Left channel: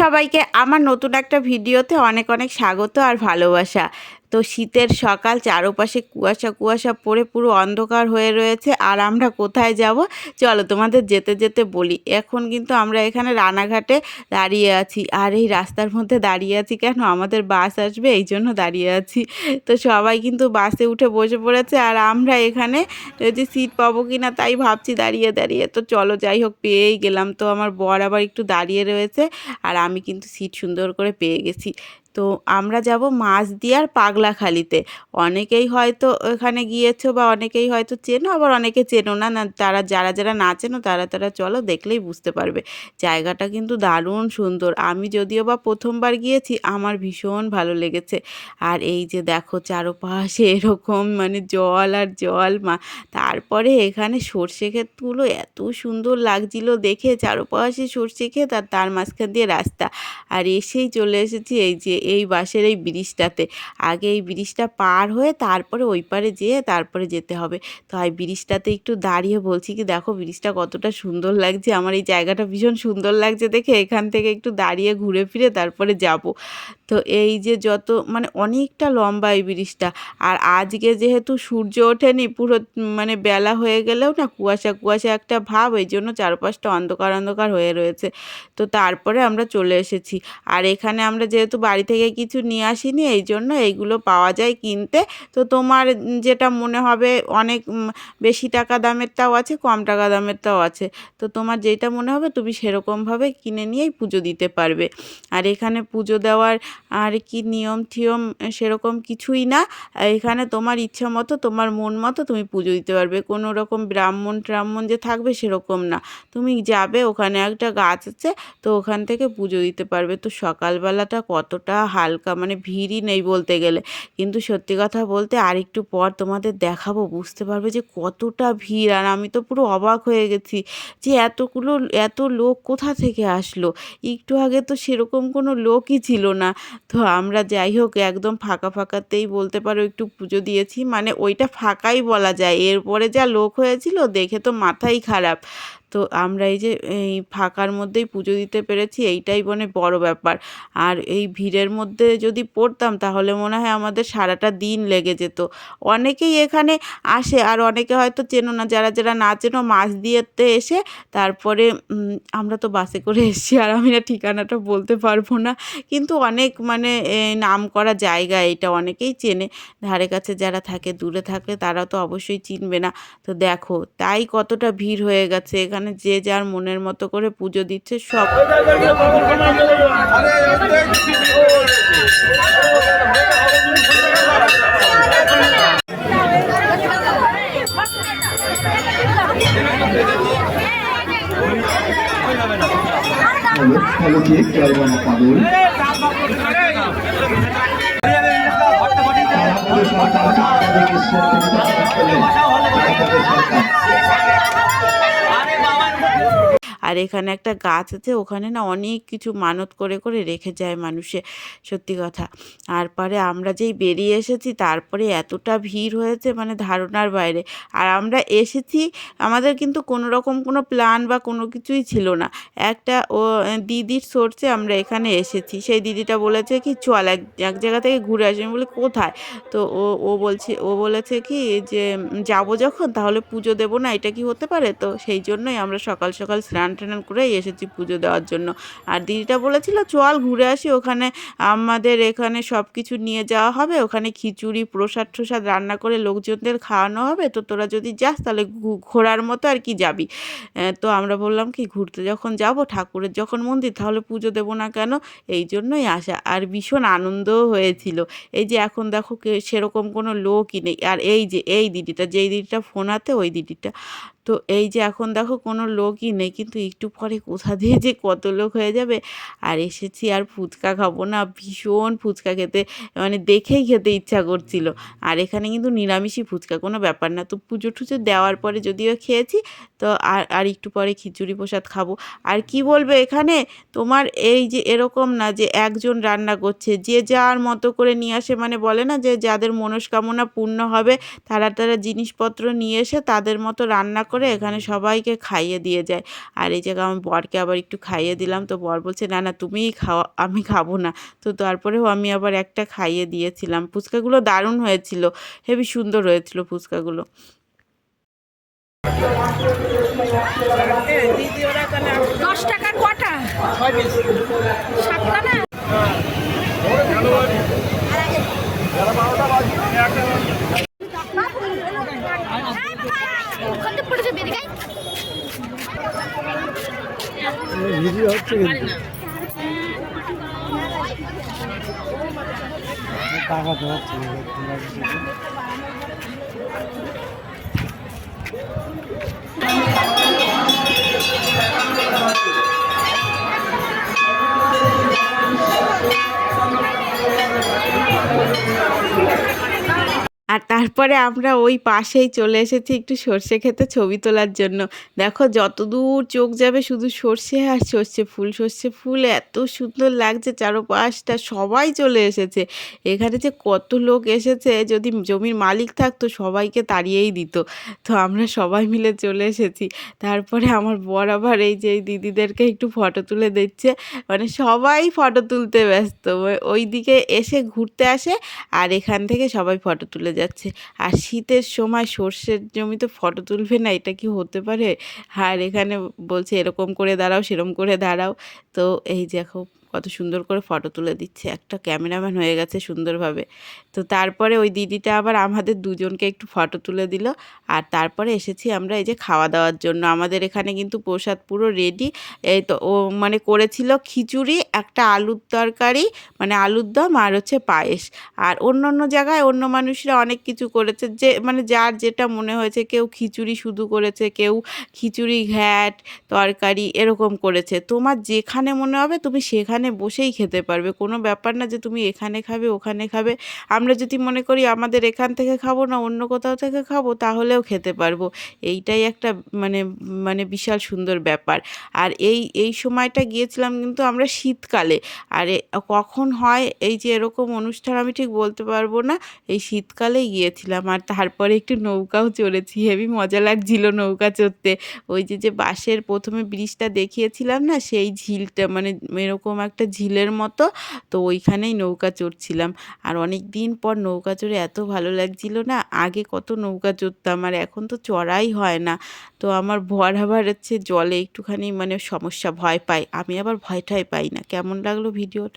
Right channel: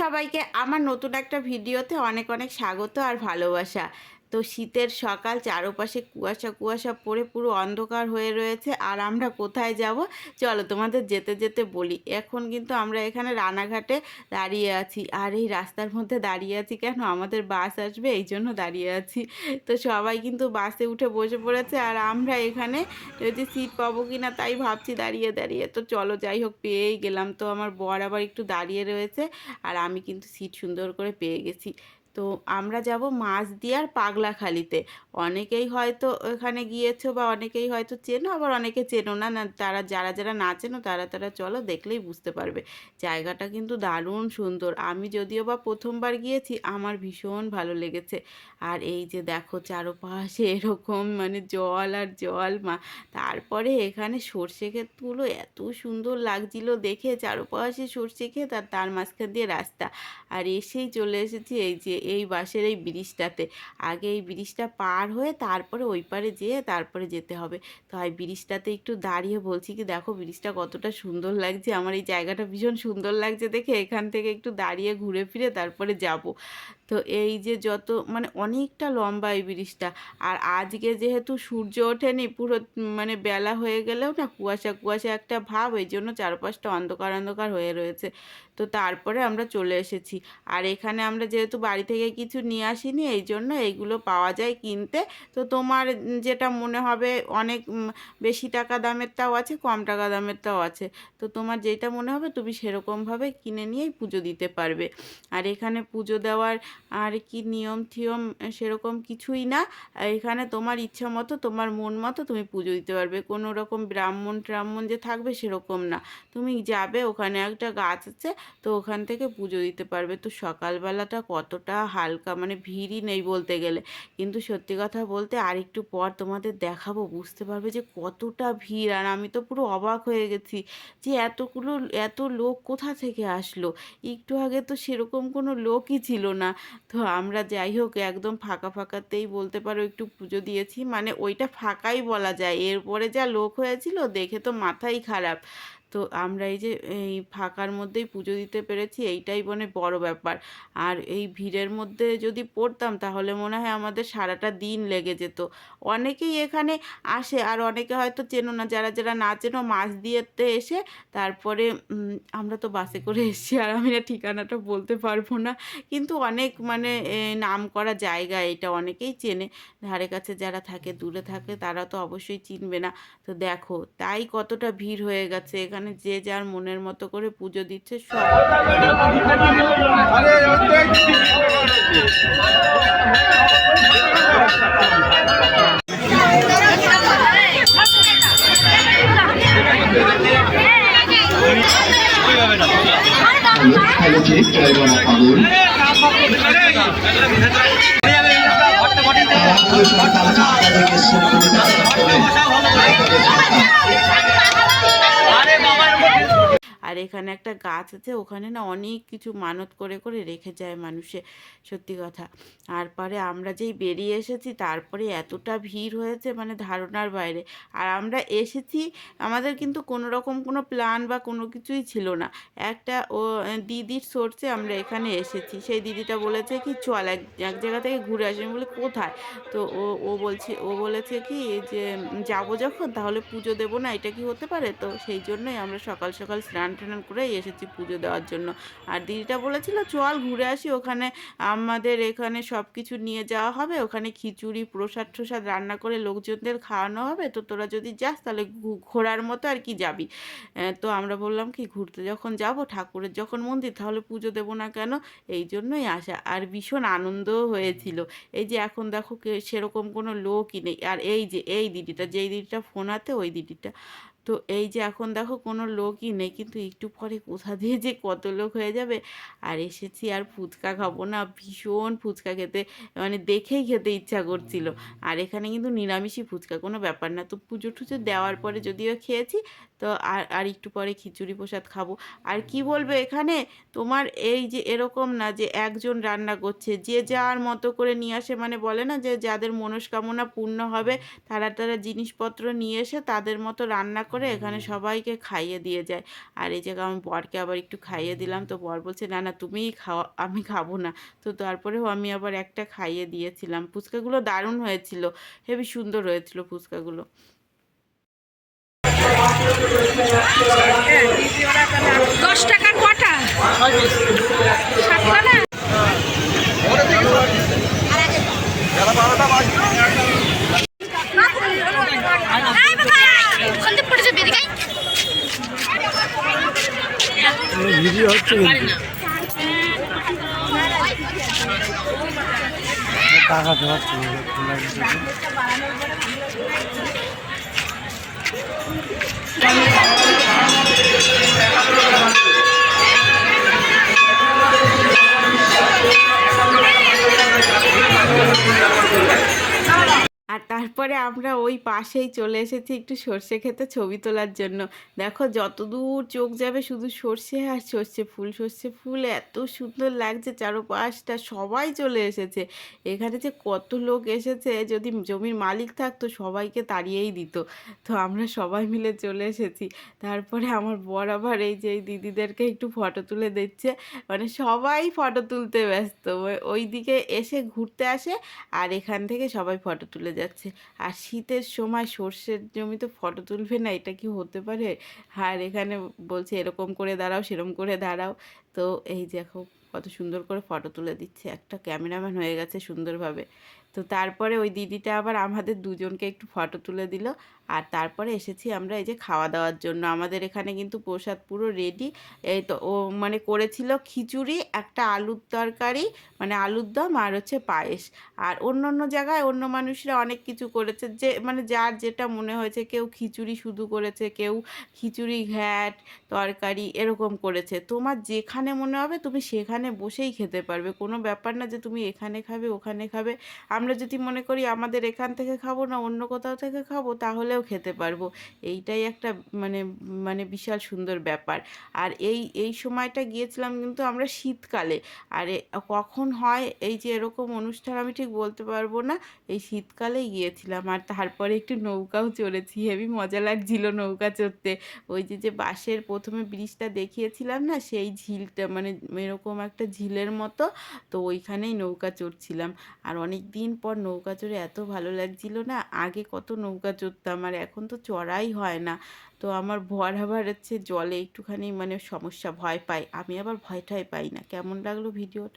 সবাইকে আমার নতুন একটা ভিডিওতে অনেক অনেক স্বাগত আর ভালোবাসা। তো শীতের সকাল, চারপাশে কুয়াশা কুয়াশা পড়ে পুরো অন্ধকার হয়ে রয়েছে। আর আমরা কোথায় যাব চলো তোমাদের যেতে যেতে বলি। এখন কিন্তু আমরা এখানে রানাঘাটে দাঁড়িয়ে আছি। আর এই রাস্তার মধ্যে দাঁড়িয়ে আছি কেন, আমাদের বাস আসবে এই জন্য দাঁড়িয়ে আছি। তো সবাই কিন্তু বাসে উঠে বসে পড়েছে আর আমরা এখানে যে সিট পাবো কি না তাই ভাবছি দাঁড়িয়ে দাঁড়িয়ে। তো চলো যাই হোক, পেয়েই গেলাম। তো আমার বর আবার একটু দাঁড়িয়ে রয়েছে আর আমি কিন্তু সিট সুন্দর করে পেয়ে গেছি। তো আমরা যাব মাছদিয়ার পাগলাখালিতে। অনেকেই হয়তো ওখানে গিয়েছো বা অনেকেই হয়তো চেনো, আবার অনেকে চেনো না। না তারা যারা যারা না চেনো তারা তারা চলো, দেখলেই বুঝতে পারবে। জায়গাটা কিন্তু দারুণ সুন্দর। আমি যদিও বা প্রথমবার গিয়েছি, আমার ভীষণ ভালো লেগেছে। আর এই যে দেখো চারপাশে এরকম মানে জল আর জল তারপরে এখানে সর্ষে ক্ষেতগুলো এত সুন্দর লাগছিল দেখে, চারপাশে সর্ষে ক্ষেত আর তার মাঝখান দিয়ে রাস্তা। আর এসেই চলে এসেছি এই যে এই বাঁশের এই ব্রিজটাতে। আগে এই ব্রিজটা পার হয়ে তারপরে ওই পারে যেয়ে তারপরে যেতে হবে। তো এই ব্রিজটাতে একটু দাঁড়িয়ে বলছি কি, দেখো ব্রিজটা কতটা সুন্দর লাগছে। আমার এই জায়গাটা ভীষণ সুন্দর লাগছে দেখে এখান থেকে একটু দাঁড়িয়ে ঘুরে ফিরে তারপরে যাব। তো এই যে যত মানে অনেকটা লম্বা এই ব্রিজটা। আর আজকে যেহেতু সূর্য ওঠেনি, পুরো মানে বেলা হয়ে গেলেও না কুয়াশা কুয়াশা একটা ভাব, এই জন্য চারপাশটা অন্ধকার অন্ধকার হয়ে রয়েছে। তো তারপরে আমরা চলে এসেছি। আর এখানে আমরা যেহেতু বাড়ি থেকে কিছু নিয়ে আসিনি, এই জন্য এইগুলো পাওয়া যায় কিনতে। তো তোমার যেটা মনে হবে, অনেক বেশি টাকা দামেরটাও আছে, কম টাকা দামেরটাও আছে। তো তোমার যেটা মনে হবে তুমি সেরকমভাবে কিনে নিয়েই পুজো দিতে পারবে। আর এখানে পুজো দেওয়ার আর কি নিয়ম টিয়ম সেরকম কিছুই না। এখানে তোমার ইচ্ছা মতো, তোমার মন মতো তুমি পুজো দিতে পারবে। কোনো রকম ব্রাহ্মণ ট্রাহ্মণ যে থাকবে সেরকম না। তুমি যাবে, ওখানে একটা গাছ আছে, তো ওখান থেকে পুজো দিতে পারবে। তো সকালবেলাটা কতটা হালকা, মানে ভিড়ই নেই বলতে গেলে। কিন্তু সত্যি কথা বলতে আর একটু পর তোমাদের দেখাবো, বুঝতে পারবে যে কতটা ভিড়। আর আমি তো পুরো অবাক হয়ে গেছি যে এত লোক কোথা থেকে আসলো। একটু আগে তো সেরকম কোনো লোকই ছিল না। তো আমরা যাই হোক একদম ফাঁকা ফাঁকাতেই বলতে পারো একটু পুজো দিয়েছি, মানে ওইটা ফাঁকাই বলা যায়। এরপরে যা লোক হয়েছিল দেখে তো মাথাই খারাপ। তো আমরা এই যে এই ফাঁকার মধ্যেই পুজো দিতে পেরেছি, এইটাই মানে বড় ব্যাপার। আর এই ভিড়ের মধ্যে যদি পড়তাম তাহলে মনে হয় আমাদের সারাটা দিন লেগে যেত। অনেকেই এখানে আসে আর অনেকে হয়তো চেনো না, যারা যারা না চেনো মাঝদিয়াতে এসে তারপরে আমরা তো বাসে করে এসেছি আর আমি না ঠিকানাটা বলতে পারবো না। কিন্তু অনেক মানে নাম করা জায়গা, এটা অনেকেই চেনে। ধারে কাছে যারা থাকে, দূরে থাকে, তারা তো অবশ্যই চিনবে না। তো দেখো তাই কতটা ভিড় হয়ে গেছে এখানে, যে যার মনের মতো করে পুজো দিচ্ছে সব। হ্যালো চেক চারবানা পাগল আর এখানে একটা গাছ আছে, ওখানে না অনেক কিছু মানত করে করে রেখে যায় মানুষে, সত্যি কথা। আর পরে আমরা যেই বেরিয়ে এসেছি তারপরে এতটা ভিড় হয়েছে মানে ধারণার বাইরে। আর আমরা এসেছি, আমাদের কিন্তু কোনো রকম কোনো প্ল্যান বা কোনো কিছুই ছিল না। একটা দিদির সোর্সে আমরা এখানে এসেছি। সেই দিদিটা বলেছে কি চল এক এক জায়গা থেকে ঘুরে আসি। আমি বলি কোথায়? তো ও বলেছে কি যে যাবো যখন তাহলে পুজো দেবো না, এটা কি হতে পারে? তো সেই জন্যই আমরা সকাল সকাল স্নান টান করেই এসেছি পুজো দেওয়ার জন্য। আর দিদিটা বলেছিল চল ঘুরে আসি, ওখানে আমাদের এখানে সব কিছু নিয়ে যাওয়া হবে, ওখানে খিচুড়ি প্রসাদ টসাদ রান্না করে লোকজনদের খাওয়ানো হবে। তো তোরা যদি যাস তাহলে ঘোরার মতো আর কি যাবি। তো আমরা বললাম কি ঘুরতে যখন যাব, ঠাকুরের যখন মন্দির, তাহলে পুজো দেবো না কেন, এই জন্যই আসা। আর ভীষণ আনন্দও হয়েছিল। এই যে এখন দেখো সেরকম কোনো লোকই নেই। আর এই যে এই দিদিটা, যেই দিদিটা ফোন হাতে ওই দিদিটা, তো এই যে এখন দেখো কোনো লোকই নেই, কিন্তু একটু পরে কোথা দিয়ে যে কত লোক হয়ে যাবে। আর এসেছি আর ফুচকা খাবো না, ভীষণ ফুচকা খেতে মানে দেখেই খেতে ইচ্ছা করছিল। আর এখানে কিন্তু নিরামিষই ফুচকা, কোনো ব্যাপার না। তো পুজো টুজো দেওয়ার পরে যদিও খেয়েছি, তো আর একটু পরে খিচুড়ি প্রসাদ খাবো। আর কি বলবো, এখানে তোমার এই যে এরকম না যে একজন রান্না করছে, যে যার মতো করে নিয়ে আসে, মানে বলে না যে যাদের মনস্কামনা পূর্ণ হবে তারা তারা জিনিসপত্র নিয়ে এসে তাদের মতো রান্না করে করে এখানে সবাইকে খাইয়ে দিয়ে যায়। আর এই জায়গায় আমার বরকে আবার একটু খাইয়ে দিলাম, তো বর বলছে না না তুমিই খাও, আমি খাবো না। তো তারপরেও আমি আবার একটা খাইয়ে দিয়েছিলাম। ফুচকাগুলো দারুণ হয়েছিল, হেবি সুন্দর হয়েছিল ফুচকাগুলো। 10 টাকার কটা? 7টা না? ভিডিও হচ্ছে কিন্তু টাকা দেওয়াচ্ছে আর তারপরে আমরা ওই পাশেই চলে এসেছি একটু সর্ষে ক্ষেতে ছবি তোলার জন্য। দেখো যতদূর চোখ যাবে শুধু সর্ষে আর সর্ষে ফুল এত সুন্দর লাগছে, চারপাশটা সবাই চলে এসেছে। এখানে যে কত লোক এসেছে, যদি জমির মালিক থাকতো সবাইকে তাড়িয়েই দিত। তো আমরা সবাই মিলে চলে এসেছি। তারপরে আমার বর আবার এই যে এই দিদিদেরকে একটু ফটো তুলে দিচ্ছে, মানে সবাই ফটো তুলতে ব্যস্ত। ওই দিকে এসে ঘুরতে আসে আর এখান থেকে সবাই ফটো তুলে যাচ্ছে। আর শীতের সময় সর্ষের জমিতে ফটো তুলবে না, এটা কি হতে পারে? আর এখানে বলছে এরকম করে দাঁড়াও, সেরকম করে দাঁড়াও। তো এই দেখো কত সুন্দর করে ফটো তুলে দিচ্ছে, একটা ক্যামেরাম্যান হয়ে গেছে সুন্দরভাবে। তো তারপরে ওই দিদিটা আবার আমাদের দুজনকে একটু ফটো তুলে দিল। আর তারপরে এসেছি আমরা এই যে খাওয়া দাওয়ার জন্য। আমাদের এখানে কিন্তু প্রসাদ পুরো রেডি। এই তো ও মানে করেছিল খিচুড়ি, একটা আলুর তরকারি, মানে আলুর দম, আর হচ্ছে পায়েস। আর অন্য অন্য জায়গায় অন্য মানুষরা অনেক কিছু করেছে, যে মানে যার যেটা মনে হয়েছে, কেউ খিচুড়ি শুধু করেছে, কেউ খিচুড়ি ঘ্যাট তরকারি এরকম করেছে। তোমার যেখানে মনে হবে তুমি সেখানে বসেই খেতে পারবে, কোনো ব্যাপার না যে তুমি এখানে খাবে ওখানে খাবে। আমরা যদি মনে করি আমাদের এখান থেকে খাবো না অন্য কোথাও থেকে খাবো, তাহলেও খেতে পারবো। এইটাই একটা মানে মানে বিশাল সুন্দর ব্যাপার। আর এই সময়টা গিয়েছিলাম কিন্তু আমরা শীতকালে। আর কখন হয় এই যে এরকম অনুষ্ঠান আমি ঠিক বলতে পারবো না, এই শীতকালেই গিয়েছিলাম। আর তারপরে একটু নৌকাও চড়েছি, হেবি মজা লাগছিল নৌকা চড়তে। ওই যে বাঁশের প্রথমে ব্রিজটা দেখিয়েছিলাম না, সেই ঝিলটা মানে এরকম একটা ঝিলের মতো, তো ওইখানেই নৌকা চড়ছিলাম। আর অনেক দিন পর নৌকা চড়ে এত ভালো লাগছিল না, আগে কত নৌকা চড়তাম আর এখন তো চড়াই হয় না। তো আমার বর আবার হচ্ছে জলে একটুখানি মানে সমস্যা, ভয় পায়, আমি আবার ভয় ঠয় পাই না। কেমন লাগলো ভিডিওটা?